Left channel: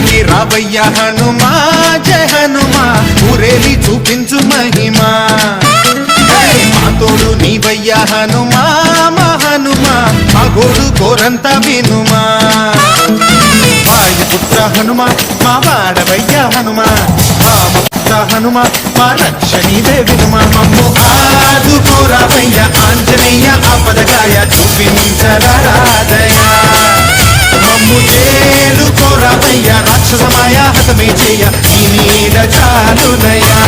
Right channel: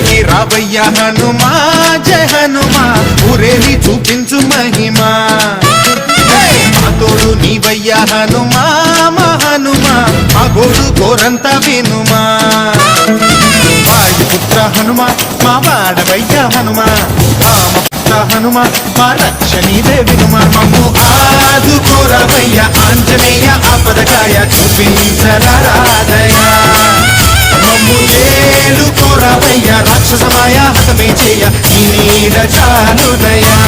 పైకి రావయ్య హనుమా జయ హనుమా ఊరేలి చూపించు మహిమా మా తోడు నీవయ్య హనుమా మా హనుమా మా గోడు గోరంత వినుమా వాయుపుత్ర హనుమా మా వాడవయ్య హనుమా రామపుత్ర హనుమా మా రక్షణీవే వినుమా మమ్ము ఆదుకోరావయ్య ఆంజనేయ ఆపదకాయ చూపించరాదయ మమ్ము ఏలుకోరావయ్య రాక్షసమాయ హతమే చేయ ఈ నీడ చాలునయా